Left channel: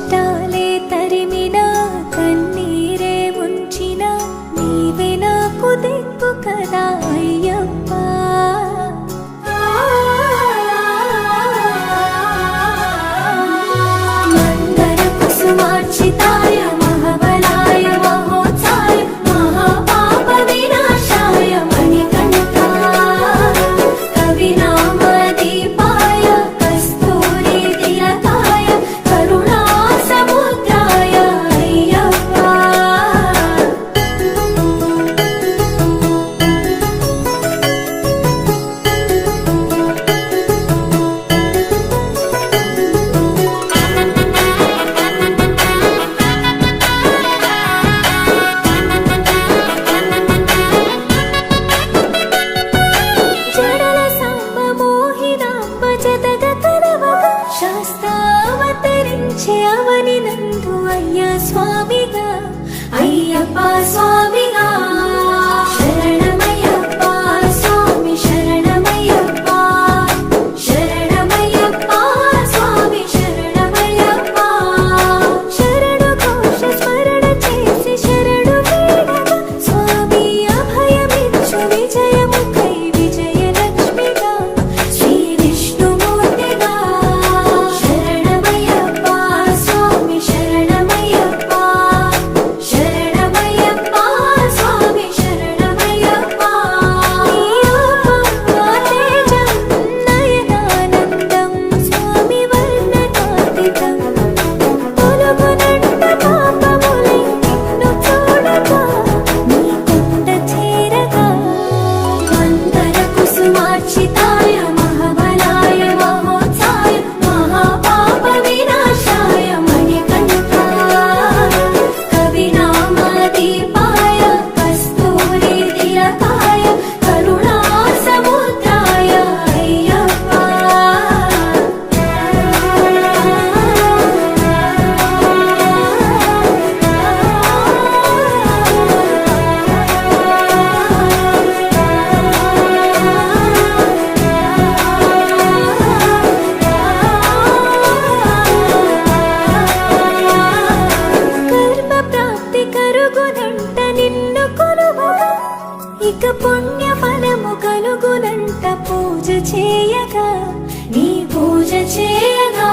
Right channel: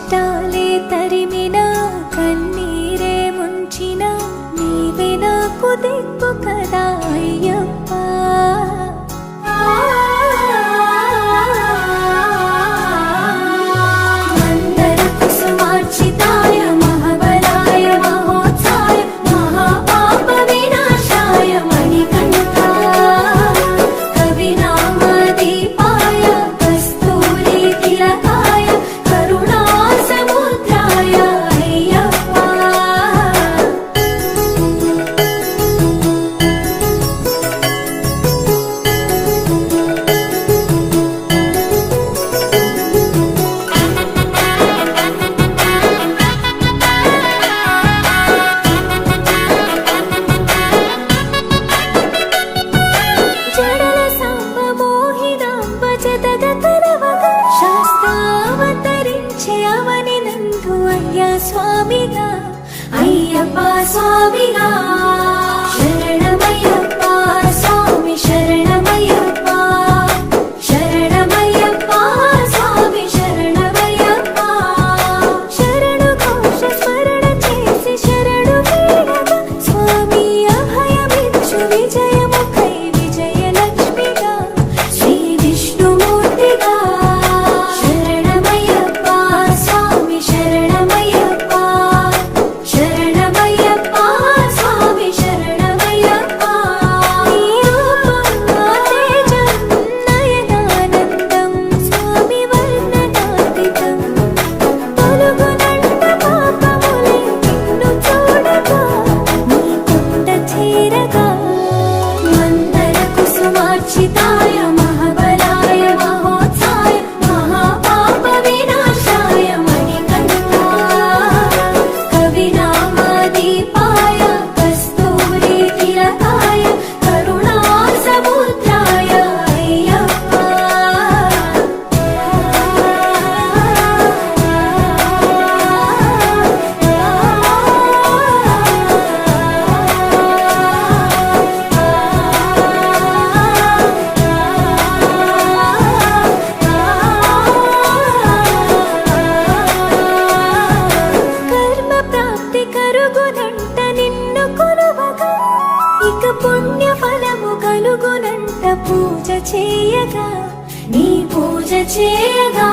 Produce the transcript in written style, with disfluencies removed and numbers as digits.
కష్టాలే తరిమినా కన్నీరే ముంచినా నీవే నాకు దిక్కు కదా అయ్యప్ప. మందర కుసుమార్చితాయ మహాబలాయ మహోత్సాయ మహాపాప వినాశాయ మణికంఠ కవినామ దీపాయ కస్తూరి తిలకాయ కరుణా సముద్రాయ అయ్యప్ప. జడల సాంబ మోహినాంబ జతగ కరవగ శాస్త్రావతరించే అవని నందు అయ్యా స్వామిగా అయ్యప్ప స్వామిగా. శరణమయ్యప్ప స్వామి శరణమయ్యప్ప శరణమయ్యప్ప స్వామి శరణమయ్యప్ప. శరణు ఘోష స్మరణ చేసి శరణు వేడగా స్వామి అభయమిచ్చు విజయముఖై విజయలక్ష్మిగా శ్రీ విష్ణుమూర్తిగా. శరణమయ్యప్ప స్వామి శరణమయ్యప్ప శరణమయ్యప్ప స్వామి శరణమయ్యప్ప. నీ రూపం తేజం నయనానందం స్వామి వర్ణనాతీతం తొలగునంట పాపములై నిన్ను చూడగా నీ కొండ చేరగా. మందర కుసుమార్చితాయ మహాబలాయ మహోత్సాయ మహాపాప వినాశాయ మణికంఠ కవినామ దీపాయ కస్తూరి తిలకాయ కరుణా సముద్రాయ అయ్యప్ప. కర్మ ప్రాప్తి కరుగునంట నిన్ను కొలువగా ఇక పుణ్య ఫలము కలుగునంట పూజ చేయగా నీ పూజ చేయగా.